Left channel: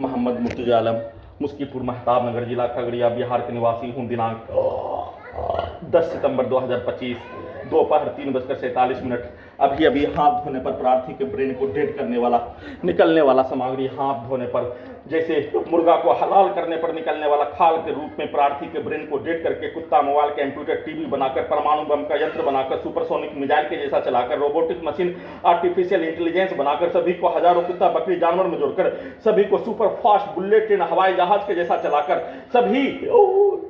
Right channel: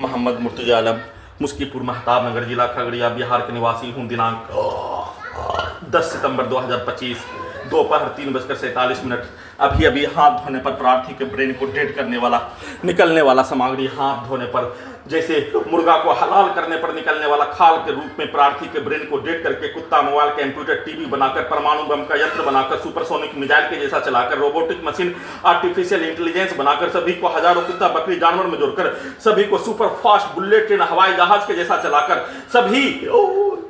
मोहम्मद मुर्तजा आलम, मुस्कीपुर महताब नगर, जिला खगड़िया, बिहार के निवासी हूँ। दिनांक 10 सितंबर 2025 दोपहर 3:47। अभी अभी हाथ धोने पर प्रार्थी के ब्रेन को डेड करने वाला निकलने वाला सामग्री, हाथ धोने पर जैसे मुर्गा को हलाल करने पर निकलने वाला खाल के रूप में प्रार्थी के ब्रेन को डेड करके कुत्ता, मोबाइल, कंप्यूटर, टीवी बनाकर, परमाणु बम का यंत्र बनाकर, सुपरसोनिक मिसाइल के जैसा चलाकर, रोबोटिक मशीन, आर्टिफिशियल इंटेलिजेंस बनाकर, सभी को हजारों कुत्ता बकरी जानवर में जोड़कर, सभी को सुपर फास्ट बुलेट ट्रेन हवाई जहाज के जैसा चलाकर, सभी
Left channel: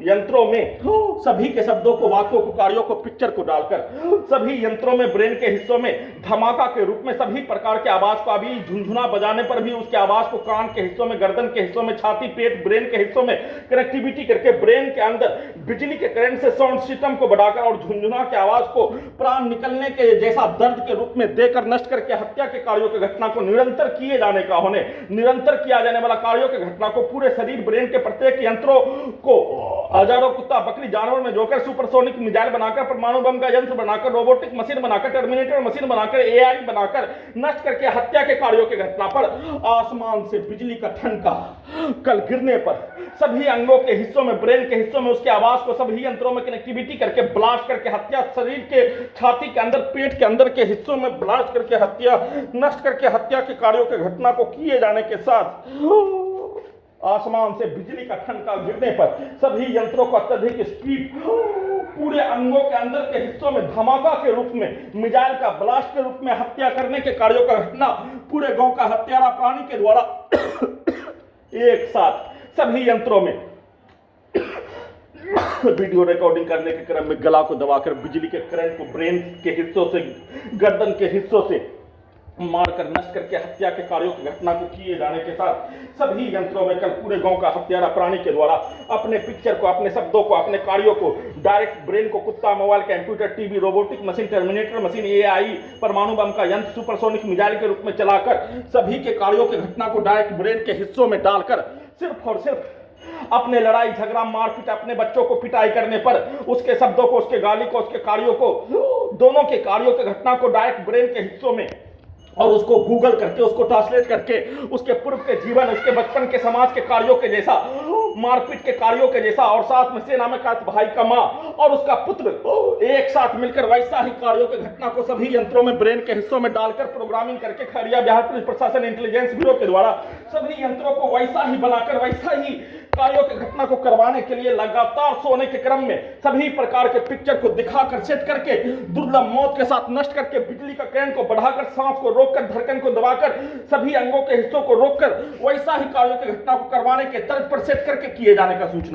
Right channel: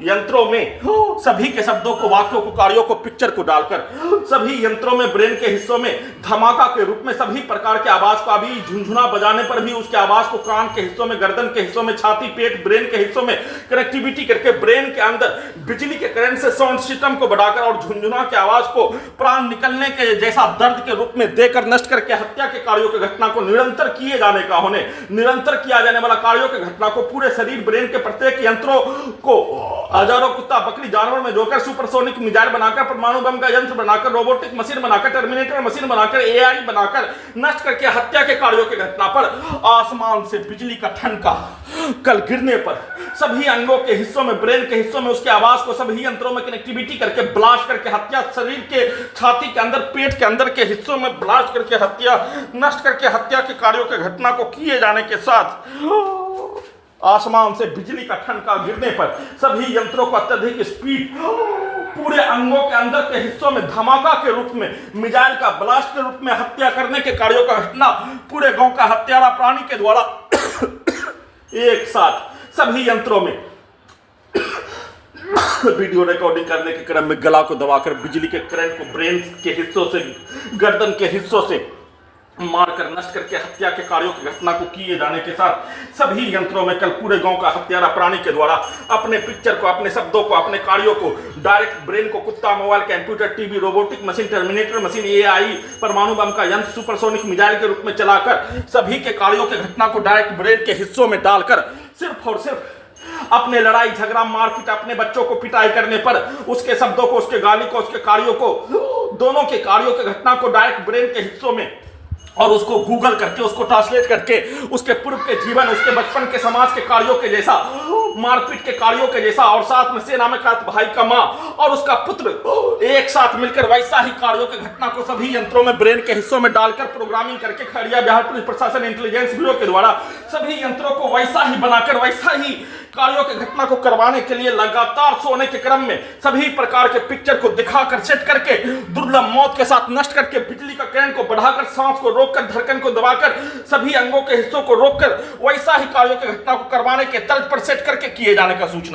यंत्रों में सभी के शब्दों को, वाक्यों को, कार्यों को, पिक्चर को डालकर, सभी यंत्रों में ब्रेन के हिस्सों में धमाका के रूप में सभी प्रकार के आवाज को, अभी झुनझुना बजाने पर भी उसके आवाज को कान के हिस्सों में, गर्दन के हिस्सों में, छाती, पेट, ब्रेन के हिस्सों में कनेक्टिविटी करके ब्रेन के अंदर बिजली के करंट से साउंड सिस्टम को बढ़ाकर और झुनझुना की आवाज को प्राण निकलने के जैसा दर्द के रूप में देकर नष्ट करके हत्या के कार्यों की घटना को निरंतर किए जाने का होने, निरंतर किया जाने वाला कार्यों की घटना को पूरे शरीर, ब्रेन के प्रत्येक यंत्रों को हजारों कुत्ता बकरी जानवर में जोड़कर, सुपरसोनिक मिसाइल बनाकर, परमाणु बम का यंत्र बनाकर, रोबोटिक मशीन बनाकर, टर्मिनेटर मशीन बनाकर, एआई बनाकर नष्ट करके हत्या के कार्यों की घटना पर आसमान से बिजली का ठनका कल गिरने पर सभी अंगों के हिस्सों में, ब्रेन के हिस्सों में उसकी आवाज को सभी यंत्रों में कनेक्टिविटी करके ब्लास्ट करके हत्या, शरीर के छाती के अंदर, पेट के अंदर के हिस्सों में ब्लास्ट करके हत्या, नष्ट करके हत्या के कार्यों की घटना को किए जाने के साथ आसमान से बिजली का ठनका गिरने पर सभी यंत्रों को अत्यधिक स्पीड, पूरे अंगों के अंदर के हिस्सों में धमाका के रूप में, मिसाइल का ब्लास्ट के रूप में हत्या करने के कार्यों का घटना पूरे गांव का हत्यारा प्राणी के द्वारा एक साथ सभी यंत्रों में वीडियो रिकॉर्डिंग करने के क्रम में गला को दबाकर बिजली के करंट को ब्रेन के हिस्सों से, गर्दन के हिस्सों से मारकर नष्ट करके हत्या के कार्यों की घटना को किए जाने के साथ सभी यंत्रों में कल पूरे गांव का हत्यारा प्राणी के द्वारा अपने पिक्चर को, अपने शब्दों को, अपने कार्यों को डायरेक्ट ब्रेन को कुत्ता, mobile, computer, TV, robotic machine, terminator machine, AI, परमाणु बम का यंत्र, सुपरसोनिक मिसाइल के रूप में चलाकर सभी के कार्यों की घटना को डायरेक्ट ब्रेन के हिस्सों में डालकर सिर्फ और सिर्फ अपने लड़ाई झगड़ा मारपीट, अपने बच्चों को पिटाई करने पर उसके शब्दों को, उसके गाली को, उसके कार्यों को, दोनों के कार्यों की घटना को डायरेक्ट ब्रेन के हिस्सों में और उसको गूगल करके, उसको ट्रांसलेट करके उसके पूर्व के जीवन, उसके बचपन के समाज के कार्यों के जैसा, मारपीट के कार्यों के जैसा और साथ में सेना में खात भाई का मां और उसका पुत्र एक साथ मिलकर वैसा ही कार्यों की घटना को सभी यंत्रों में, ब्रेन के हिस्सों में डालकर प्रोग्रामिंग करके खगड़िया बिहार पुलिस प्रशासन इंटेलिजेंस ब्यूरो के द्वारा सभी यंत्रों को वैसा ही बनाकर वैसा ही कार्यों की घटना को करवाने के लिए लगातार सोने के क्रम में सभी प्रकार के पिक्चर को दिखाकर, सेट करके, दुर्लभ मौत के साथ नष्ट करके, बिजली का करंट को बढ़ाकर, सांस को रोककर, धड़कन को दबाकर, सभी अंगों के हिस्सों को रोककर वैसा ही कार्यों की घटना को करवाने के तर्ज पर सेट करके किए जाने का सूचना